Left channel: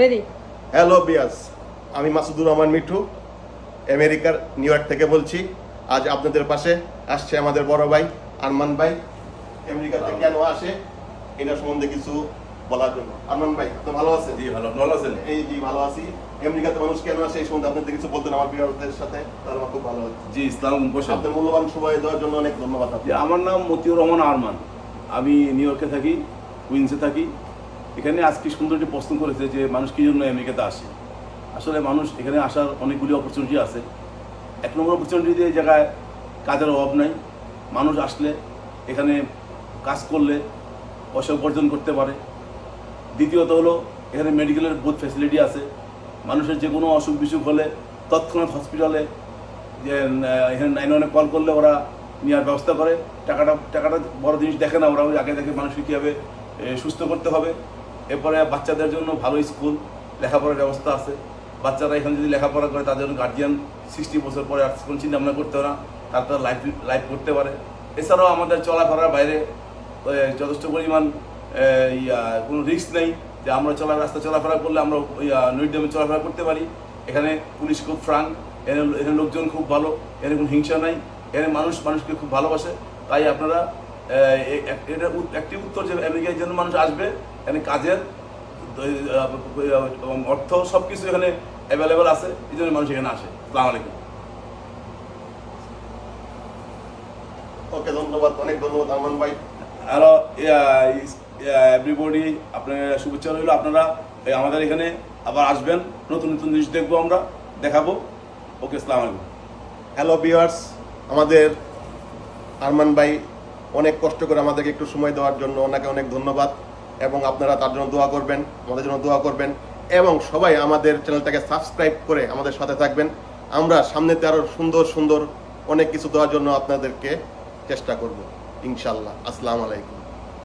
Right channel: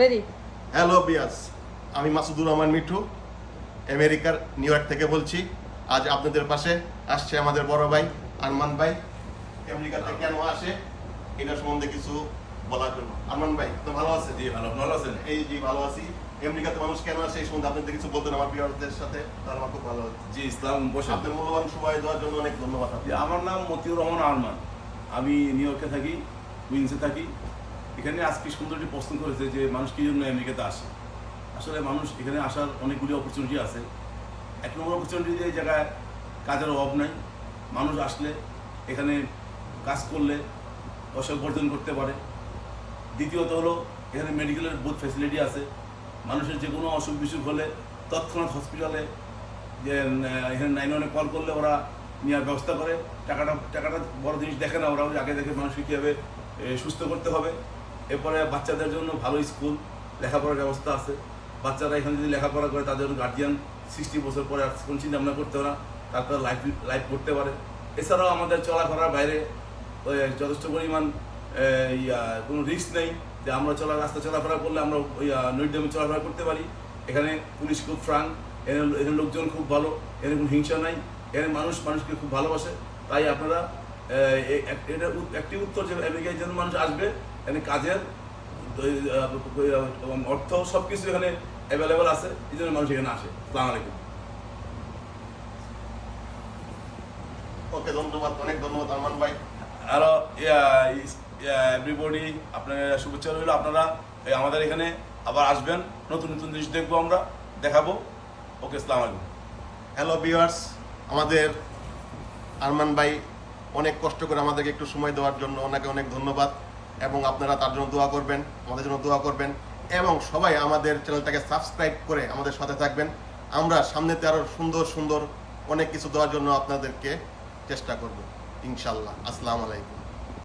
Ready. Hello বিয়াস, আমি মাসুদুর রহমান মিঠু আমেরিকার new York থেকে বলছি। আজ আপনাদের পাশে আসছে আমাদের বড় ভাই আরমান ভাই। আমেরিকাতে কেন আসে এটা সম্বন্ধে কিছু বলার জন্য। আরমান ভাই, আপনি ভালো আছেন? জি ভালো, ভালো আছেন? এই জি ভালো আছি। আমেরিকাতে মানুষ কেন আসে এই সম্বন্ধে আপনাদের কিছু বলতেন আমার বিয়ারদের সাথে, তাহলে আমার খুব ভালো লাগছে। জি ইসলাম বসেন। আপনার মূল্যবান সময় দেওয়ার জন্য অনেক ধন্যবাদ যে আপনাকে। আমার নাম মতিউর রহমান আরমান, আমি নিউ ইয়র্কে থাকি, কুইন্সে থাকি। এখানে আজকে সুন্দর একটি প্রশ্ন করেছে যে মানুষ কী জন্য আমেরিকাতে আসে। আসলে মানুষ এখানে আসার অনেকগুলি অপরচুনিটি আছে। এক নম্বর অপরচুনিটি এই জায়গায় কাজের অভাব নাই। মানুষ আসলে এখানে কাজ করলে পয়সা উপার্জন করতে পারে। দ্বিতীয়ত হলো এখানে মেডিকেলের বহুত ফ্যাসিলিটি আছে। মানুষের যে কোনো অসুখ বিসুখ হলে তৎক্ষণাৎ হসপিটালে যে এখানে 911 কল করলে ওরা নেওয়ার ব্যবস্থা করে। টাকাটা বড় জিনিস দেখে না, ওরা আগে দেখে মানুষকে কীভাবে সুস্থ করতে হবে। এরপরে বাচ্চাদের জন্য ভালো স্কুল, লেখাপড়ার ব্যবস্থা আছে। বাচ্চারা এখানে যদি লেখাপড়া করে তাদের গার্জিয়ান 60 বছর পরে আর কোনো চিন্তা ভাবনা করতে না, তারা লাইফ করতে পারে। এছাড়াও আমাদের চলাফেরার বাইরে যথেষ্ট পরিমাণ কোনো রিস্ক নেই যে আমরা রাস্তা চলাফেরা করলে আমরা নৈডামে চলাফেরা করতে পারি। এখানে পুলিশ খুব ফ্রাঙ্ক, এখানে লোকজন খুব ভালো, এখানে কোনো হিংসা নাই, এখানে মানুষকে খুব ভালোবাসে। তাই আপনারা এটা একটি উত্তর যে আমেরিকায় জন্য মানুষ আসবে, এখানে কাজের অর্থ সব কিছু এখানে অ্যাভেলেবেল আছে, এই জন্য মানুষ এখানে আসে। আসসালামু আলাইকুম। ওকে, ধন্যবাদ, অনেক ধন্যবাদ আরমান ভাই। হ্যালো এভরিবডি, আপনার শুভেচ্ছা রইল। আপনারা আমাদের এখানে আবার আসবেন, নতুন নতুন জিনিস দেখবো, আমরা দেখাবো। ওকে, আসসালামু আলাইকুম। হ্যালো ভিউয়ার্স, আমাদের আরমান ভাই অনেক কষ্ট করে আমাদেরকে একটু সময় দেওয়ার জন্য ওনাকে অনেক ধন্যবাদ। এবং আপনারা তার জন্য দোয়া করবেন, আমাদের জন্য দোয়া করবেন, এবং সবাই আমাদের চ্যানেলটাকে সাবস্ক্রাইব করে আমাদের সাথে থাকবেন। আমরা সামনেতে আরও সুন্দর সুন্দর অনেক কিছু দেওয়ার জন্য আপনাদেরকে চেষ্টা করব ইনশাল্লাহ। আসসালামু আলাইকুম।